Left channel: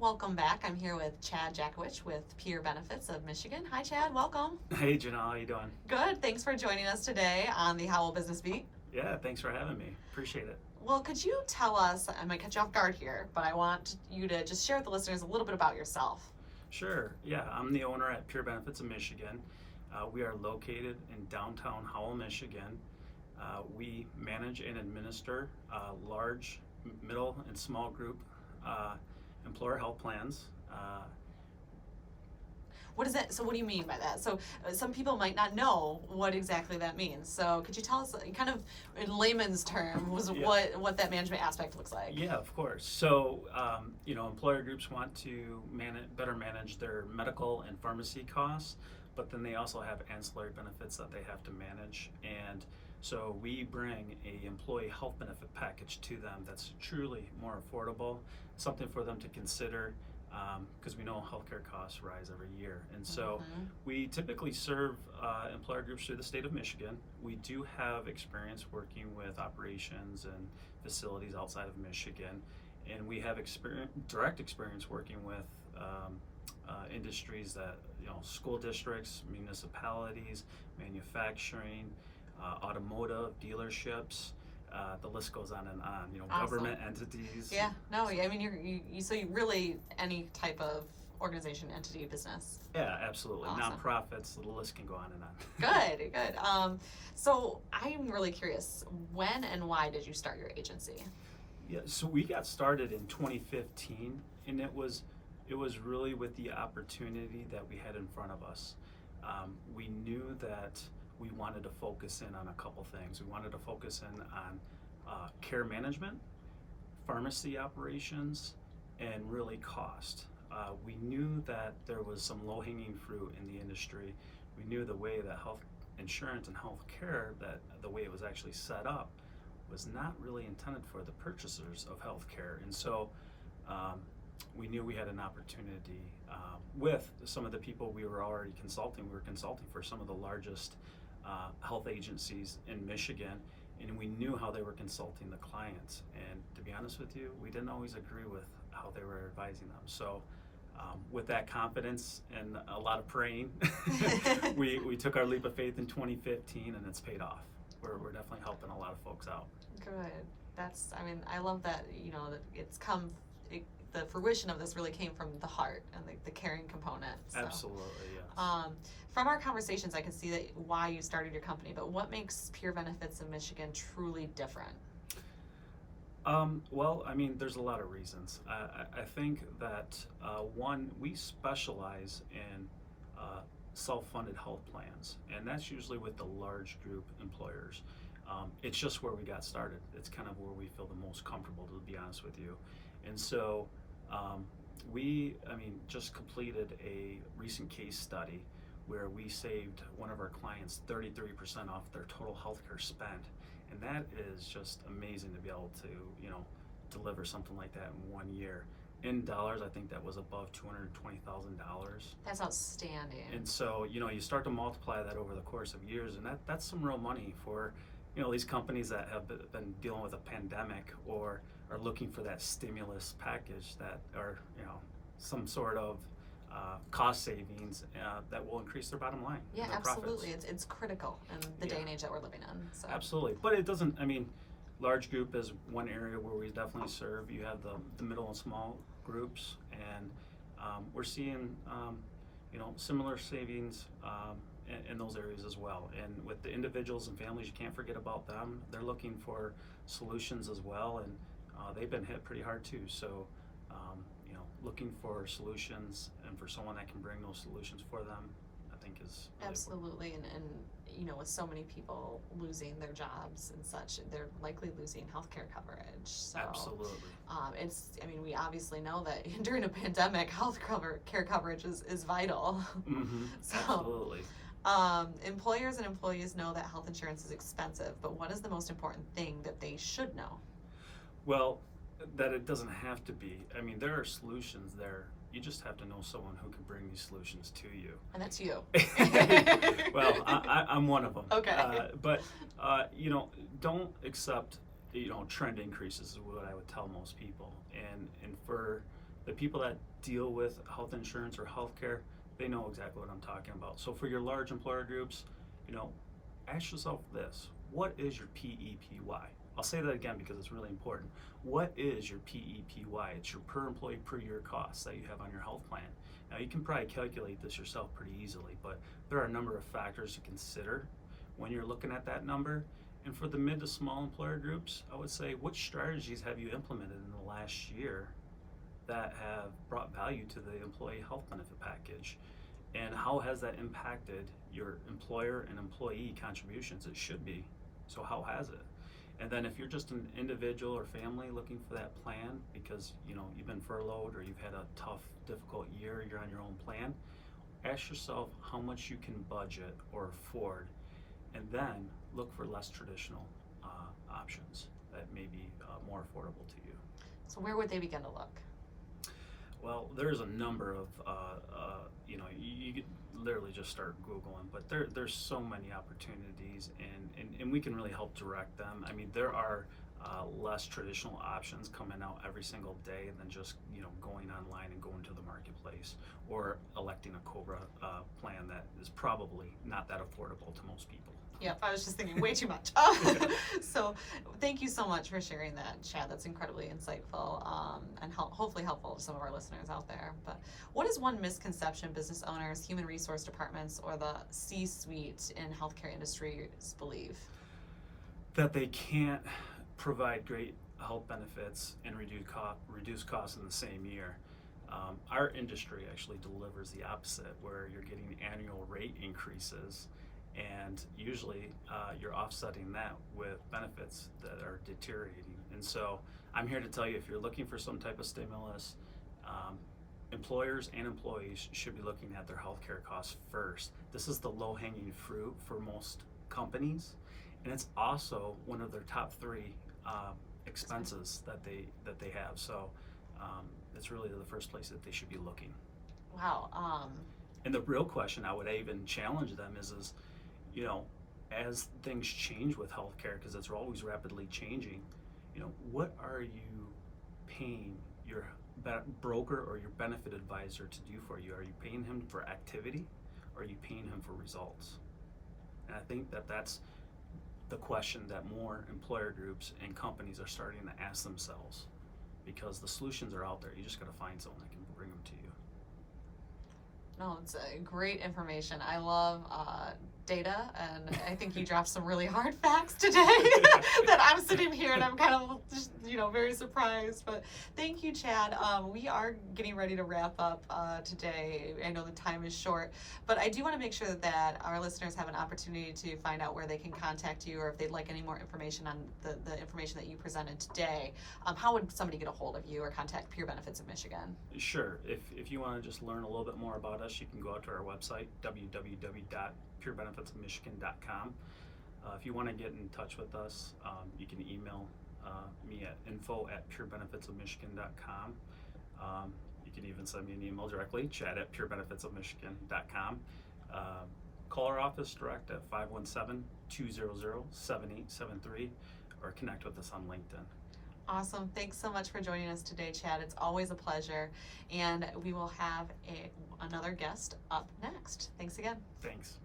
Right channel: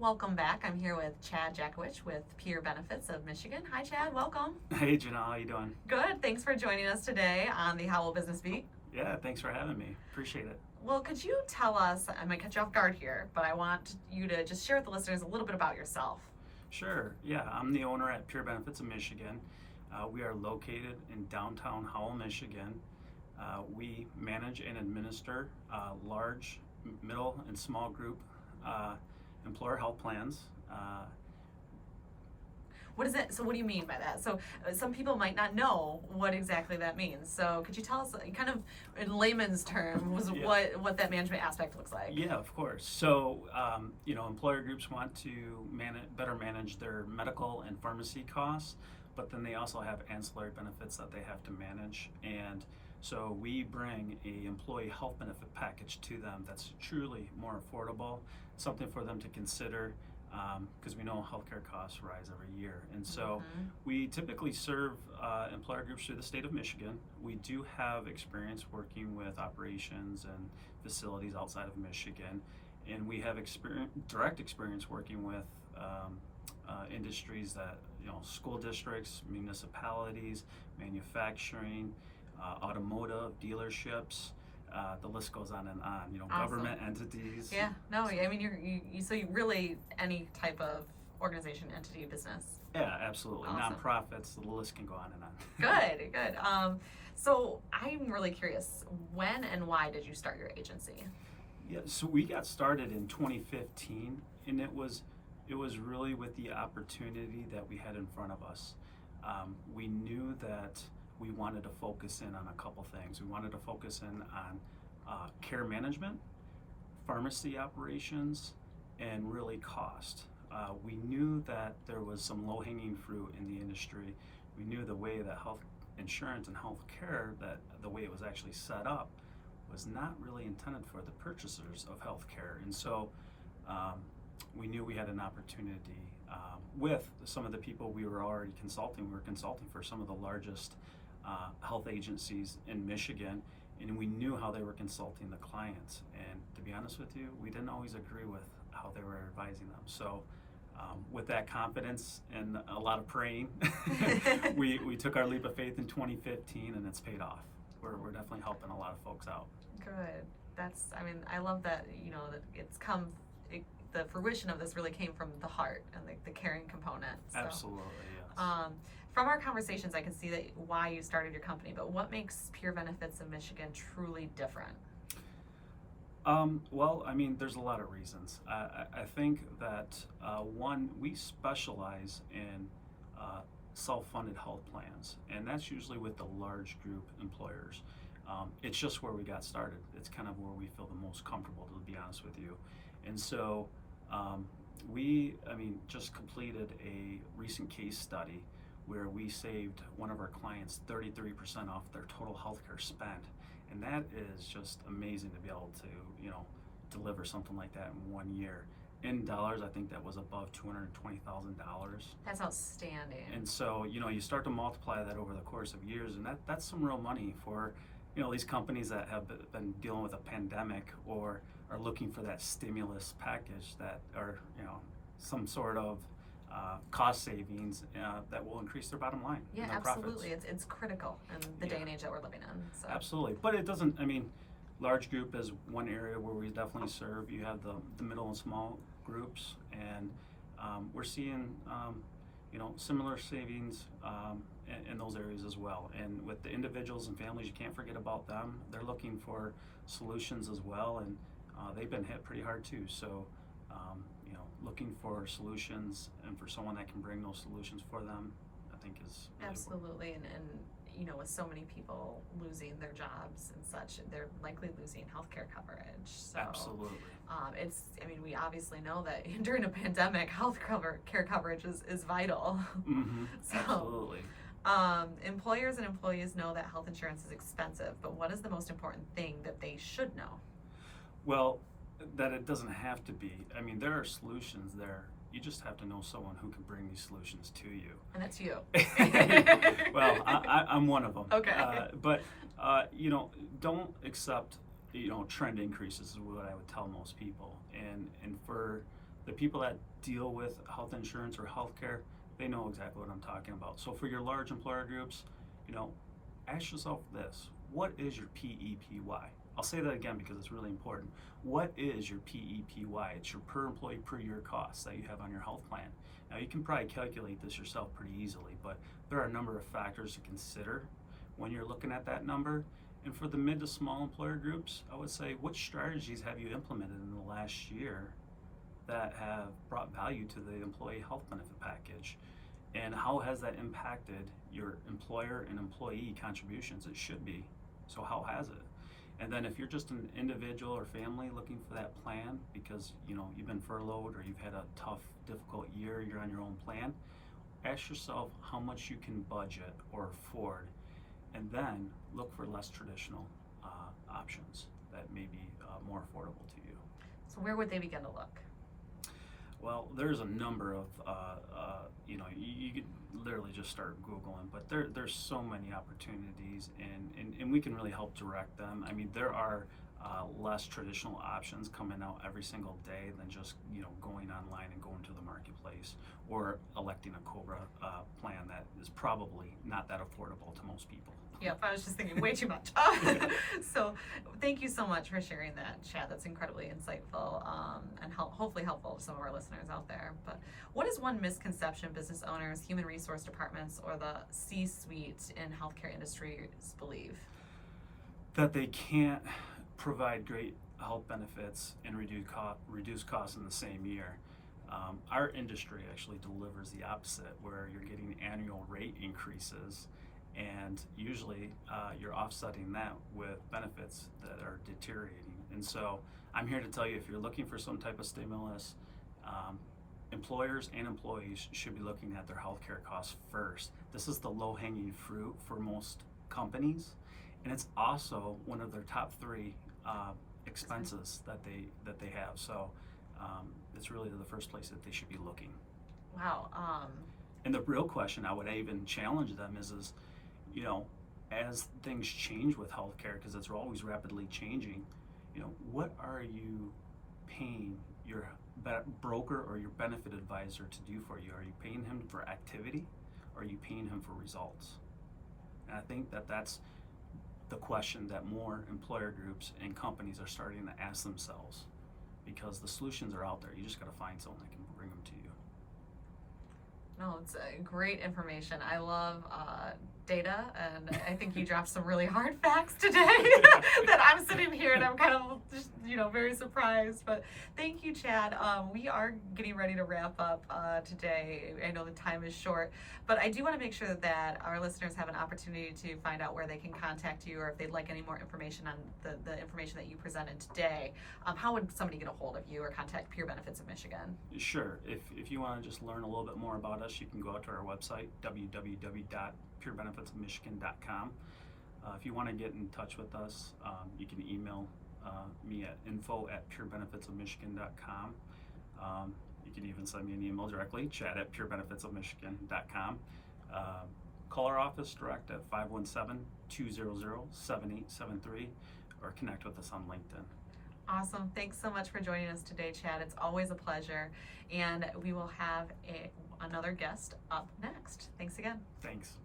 Welcome back. I'm here with Chad Jackovich with Peer Benefits of Michigan. Hi, Chad. Welcome. Hey, Janelle, how you doing? Good. Thanks for joining us today on the Howell Business Beat. Yeah, thanks for having me. Appreciate it. Well, could you tell us, I might catch you off guard here, but I want you to just share with the listeners a little bit about yourself. Sure. Yeah, I'm the owner at Peer Benefits of Michigan. We are located in downtown Howell, Michigan. We manage and administer large, middle, and small group employer health plans. What is that? So what do you mean by that? So some people might not know what exactly that means. So could you tell us kind of in layman's terms Yeah. what that management aspect looks like? Yeah, of course. So, employer groups want to better manage their medical and pharmacy costs, but then they also have ancillary benefits that they have to manage. And so we bring a employee health benefit package to them that's truly more affordable, something for them to consider, because we know healthcare costs rise every year. And so we typically serve employer groups through the state of Michigan. We do have experience working with operations and facilities outside of Michigan, and we have direct experience working with industries that, school districts, municipalities, manufacturing, automotive, dealerships. The list goes on and on. Awesome. Government entities. Yeah, no, I mean, you really any type of organization, entity, business. Yeah, absolutely. Awesome. Nonprofits, the list can go on and on. Good, good. So I'm really curious, when and why did you start your agency? Yeah, so we got started in 2015, and it was really with the opportunity that we had in front of us. We knew that we wanted to focus in on a couple things. We wanted to focus in on care management, pharmacy operations, and really cost. We knew that there was some low-hanging fruit in the industry. We knew the way that health insurance and health care, that the way it was actually set up, was not really intended for the purchasers of health care. And so we knew we had an opportunity with some of the people we were already consulting. We were consulting for some of the largest health agencies in Michigan, and we knew how they were consulting the clients. And to be honest with you, we didn't always agree with how they were advising them. So with that confidence and a lot of praying, we took our leap of faith in 2015, and it's paid off. We're definitely helping a lot of folks out. Good. I love that, that it's the fruition of this really came from the heart and the caring component. So. Absolutely, yes. From our conversations, I can see that why you started your company, but what makes Peer Benefits of Michigan truly different? Well, there's a lot of reasons. I think that one, we specialize in self-funded health plans, and that's usually with the large group employers. It's just where we got started. It's kind of where we feel the most comfortable, to be honest with you. And so we just completed a recent case study where we saved one of our clients 33% off their total healthcare spend. And that is just amazing to be able to, deliver something like that in 1 year. In dollars, I think that was above $220,000. That's outstanding. And so, you start to multiply that over the course of years, and that's some real money for, these companies that have been dealing with a pandemic or are looking for that stimulus package that, or, some sort of cost savings that will increase their bottom line. Yeah, and their absolutely. profits. It's critical in the day and age that we're living in. So. Absolutely. But it doesn't, large group is one area where we definitely serve. You have the middle and small groups, and we're seeing, similar savings in those areas as well. And with the individuals and families, you can't forget about them. They're looking for solutions as well, and they've been hit pretty hard too. So, looking for solutions and for someone that can bring those solutions for them, I think is really absolutely. And with so many people losing their jobs and such, they're likely losing healthcare coverage. So, absolutely. We obviously know that during a pandemic, care coverage is vital. Mm-hmm. So, absolutely. Employers and employees know that health insurance is expensive, but what is the most important thing that they should know? Well, that it doesn't have to be. There are solutions there. You just have to know someone who can bring these solutions to you. And that's you. Well, I'm one of them. Okay. But don't accept, trend increases is what I would tell most people. And for the people that deal with health insurance or healthcare, they know exactly what I'm talking about. So for your large employer groups, ask yourself this: what is your PEPY? I'll say that again because it's really important. What is your PEPY? It's your per employee per year costs that you have on your health plan. Now you can probably calculate this yourself pretty easily, but there are a number of factors to consider when you're looking at that number. And for the mid to small employer groups, I would say, which strategies have you implemented in the last year that have brought value to the employee health benefit package? And how has that impacted your employer and employee contributions? It should be. So how has it? And then if you're just an individual or family looking for that plan because you've been furloughed or you've had a tough, difficult year, you're on your own plan, ask yourself how much you can budget or afford, and then look for less traditional options that may be more affordable to you. So where would they begin to look? Well, there's a number of, you could literally just start Googling, but there's so many opportunities, and we can really help direct them. I mean, there are less traditional options coming out every single day than just, going online and going to the marketplace or electing a COBRA plan that is probably not that affordable to most people. Yep, I was just thinking way too much. So thank you so much for sharing that, Chad. That's incredibly insightful and hopefully helpful to some of our listeners out there. But what is one misconception business owners, human resource departments, or the C-suite in healthcare industries believe? That they can't provide great health benefits and reduce costs in the same year. Our industry actually delivers the opposite, where you're getting annual rate increases, and usually you're offsetting that with benefits that are deteriorating. And so I'm here to tell you, if you're looking for some type of stimulus, employers and employees should be looking at their healthcare costs first. This is the low-hanging fruit for most companies, and it's also one of their top 3 expenses that they have. So it's really the first place that they should be looking. Wow. And the real question I would even challenge them is as things change with healthcare, because it's always rapidly changing, what are you paying your broker or your benefit advisor to do for you? Are you paying him for activity, or are you paying him for results? And I think that's the question that more employer groups and companies are starting to ask themselves, because the solutions are out there. You just got to find someone that can bring them to you. No, it's great information. I love data, and I think you dropped some really hard facts today that I'm sitting here and I'm kind of just, very surprised. But thank you, Chad. We are getting ready to wrap up today. I know the time is short, but I do want to make sure that our listeners have an opportunity to find out where they can contact you, or if they'd like any more information on the information that you presented today. How would somebody get a hold of you or contact Pure Benefits of Michigan? Sure. If you want to just learn a little bit more about us, you can go out to our website, www.purebenefitsofmichigan.com. If you want to get in touch with us, you can email me at info@purebenefitsofmichigan.com. You can even send me an email directly, chad@purebenefitsofmichigan.com. Call our office direct at 517-200-7873, or connect with us on LinkedIn. Awesome. Thanks so much for joining us today, Chad. It's always a pleasure. And we will have another guest up next. Thanks again. Thanks.